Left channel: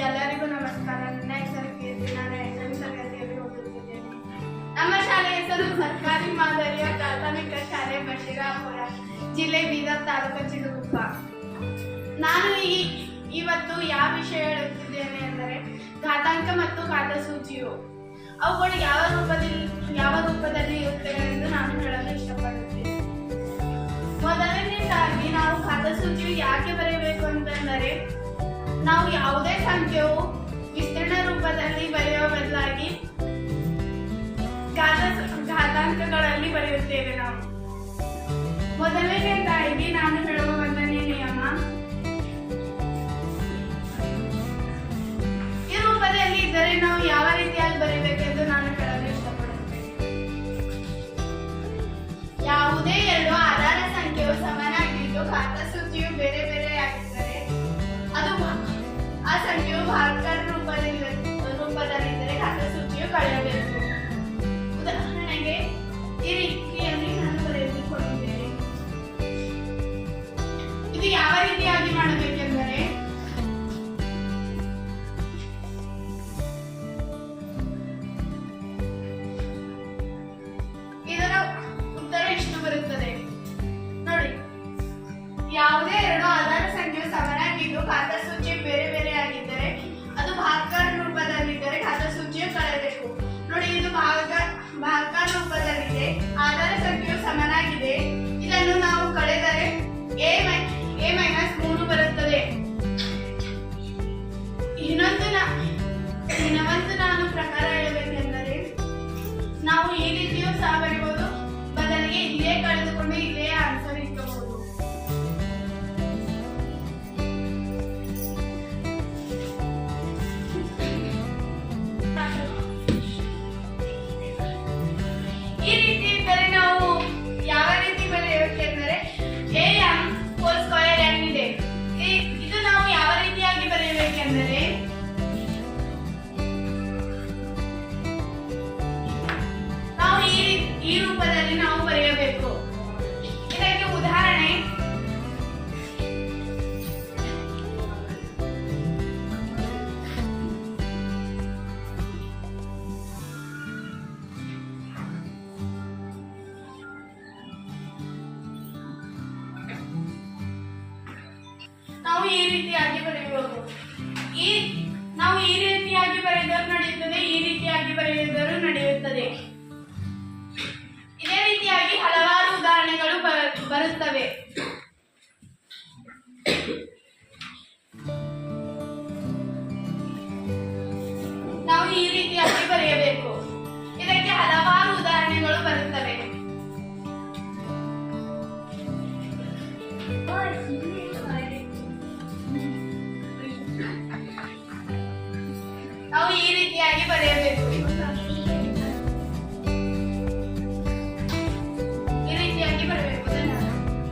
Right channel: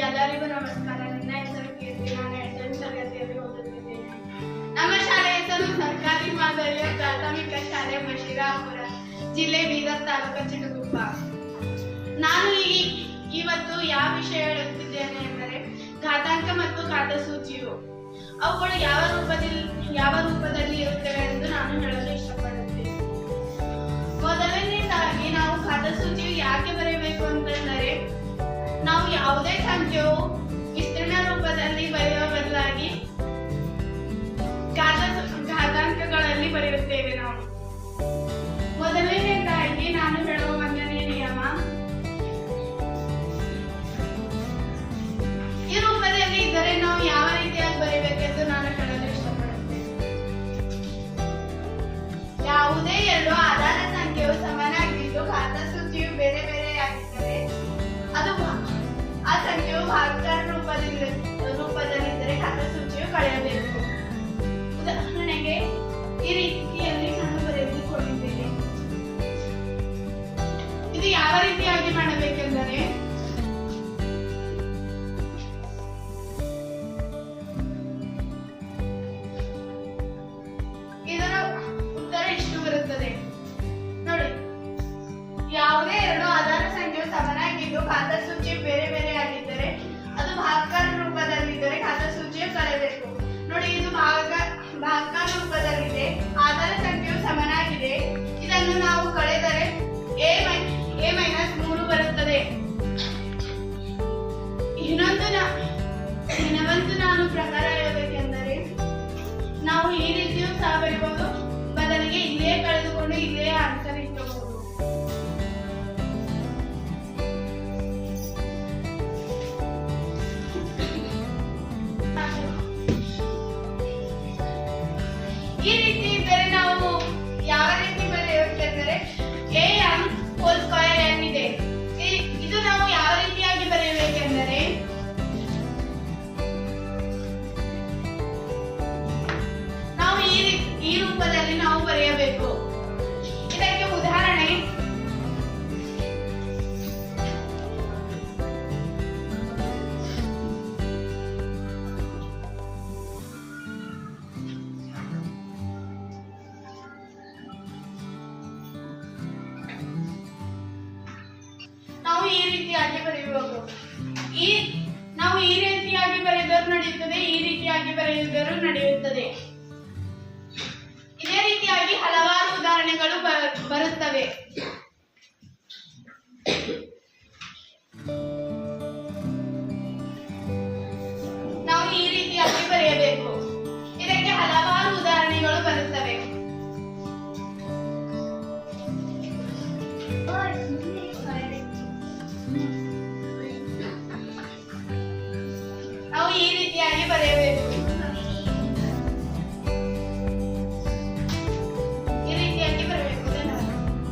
ಎಲ್ಲರಿಗೂ ನಮಸ್ಕಾರ. ನನ್ನ ಹೆಸರು ಕೀರ್ತಿ. ನಾನು 8ನೇ ತರಗತಿಯಲ್ಲಿ ಓದುತ್ತಿದ್ದೇನೆ. ನಮ್ಮ ಶಾಲೆಯ ಹೆಸರು ಸರ್ಕಾರಿ ಮಾದರಿಯ ಪ್ರಾಥಮಿಕ ಶಾಲೆ ಬಶೀರಾಪುರ, ಜಿಲ್ಲೆ ಬೀದರ್ ತಾಲೂಕು ಚಿಟಗುಪ್ಪ. ನಾನು ಇವತ್ತು ಯಾವ ವಿಷಯ ಹೇಳುತ್ತಿದ್ದೇನೆ ಎಂದರೆ ಘಾತಾಂಕ ಮತ್ತು ಘಾತಸೂಚಿಯು ಅವುಗಳು ಯಾವ ರೂಪದಲ್ಲಿ ಇರುತ್ತವೆ ಎಂದು ನಾನು ಹೇಳಲು ಇಷ್ಟಪಡುತ್ತೇನೆ. ಮೊದಲನೇದಾಗಿ ನಾವು ಘಾತಸೂಚಿಯು ಯಾಕೆ ಬರೆಯಬೇಕು ಅಂತಂದರೆ, ನಾವು ಯಾವುದೇ ಸಂಖ್ಯೆಯು ವಿಸ್ತೀರ್ಣ ರೂಪದಲ್ಲಿ ಬರೆಯುವ ಬದಲಾಗಿ ಘಾತಾಂಕಗಳಲ್ಲಿ ಬರೆಯುತ್ತೇವೆ. ನಾವು ಮೊದಲನೇದಾಗಿ ನಾನು ಹೇಳುವ ಮೊದಲನೇ ನಿಯಮ, ಈ ರೂಪದಲ್ಲಿ ಇದ್ದರೆ ನಾವು ಯಾವ ರೀತಿಯಾಗಿ ಬರೆಯಬೇಕೆಂದು ನಾನು ಹೇಳಲು ಇಷ್ಟಪಡುತ್ತೇನೆ. ಯಾವುದೇ ಎರಡು ಆಧಾರ ಸಂಖ್ಯೆಯು ಸಮನಾಗಿದ್ದು ಘಾತಸೂಚಿಯು ಬೇರೆ ಬೇರೆಯಾಗಿದ್ದರೆ ಅದು ಆ ಸಂಖ್ಯೆಯು ಭಾಗಕಾರ ರೂಪದಲ್ಲಿದ್ದರೆ ಘಾತಸೂಚಿಯು ಕಳೆಯಬೇಕು. ಉದಾಹರಣೆಗೆ ಈ ರೀತಿಯಲ್ಲಿ ನಾನು ಬರೆದುಕೊಂಡಿದ್ದೇನೆ. ಇದು ಯಾವ ರೀತಿಯಾಗಿ ಮಾಡಬೇಕೆಂದರೆ, ಇದರ ಉತ್ತರ ಇಷ್ಟು ಬರುತ್ತದೆ ನೋಡಿ. ಯಾವುದೇ ಎರಡು ಆಧಾರ ಸಂಖ್ಯೆಯು ಸಮನಾಗಿದ್ದು ಘಾತಸೂಚಿಯು ಬೇರೆ ಬೇರೆಯಾಗಿದ್ದರೆ ಅದು ಭಾಗಕಾರ ರೂಪದಲ್ಲಿದ್ದರೆ ಘಾತಸೂಚಿಯು ಕಳೆಯಬೇಕು. ನೋಡಿ, ಇದು ಭಾಗಕಾರ ರೂಪದಲ್ಲಿದೆ, ಆಧಾರ ಸಂಖ್ಯೆಯು ಸಮನಾಗಿದೆ. ಇದನ್ನು ನಾವು ಕಳೆದರೆ a-3 ಬರುತ್ತದೆ. ಇನ್ನೊಂದು ನಾನು ಪ್ರಕಾರ ಹೇಳಬೇಕೆಂದರೆ, ನಾವು ಈ ರೀತಿಯೂ ಸಹ ಬರೆಯಬಹುದು, ಬದಲಿಗೆ ಇಲ್ಲೇ ಕಳೆದುಕೊಂಡು ಇಲ್ಲೇ ಆನ್ಸರ್ ಇಟ್ಟಬಹುದು. ಈ ರೀತಿ ಇದ್ದರೆ ನಾವು ಯಾವ ರೀತಿ ಬರೆಯಬೇಕೆಂದರೆ am² ಇದೆ. ಇದು ನಾವು ಯಾವ ರೀತಿಯಾಗಿ ಬರೆಯಬೇಕೆಂದರೆ, ನಾವು ಈ ರೂಪದಲ್ಲಿ ನಾವು ಬರೆಯಬೇಕು. ಇದಕ್ಕೆ ಉದಾಹರಣೆ, ನಾವು ಈ ರೀತಿಯಾಗಿ ಬರೆಯಬೇಕು. ನಾವು ಈ ರೀತಿಯಾಗಿ ಬರೆದರೂ ನಡೆಯುತ್ತದೆ, ಈ ರೀತಿಯಾಗಿ ಬರೆಯುವುದರೂ ನಡೆಯುತ್ತದೆ.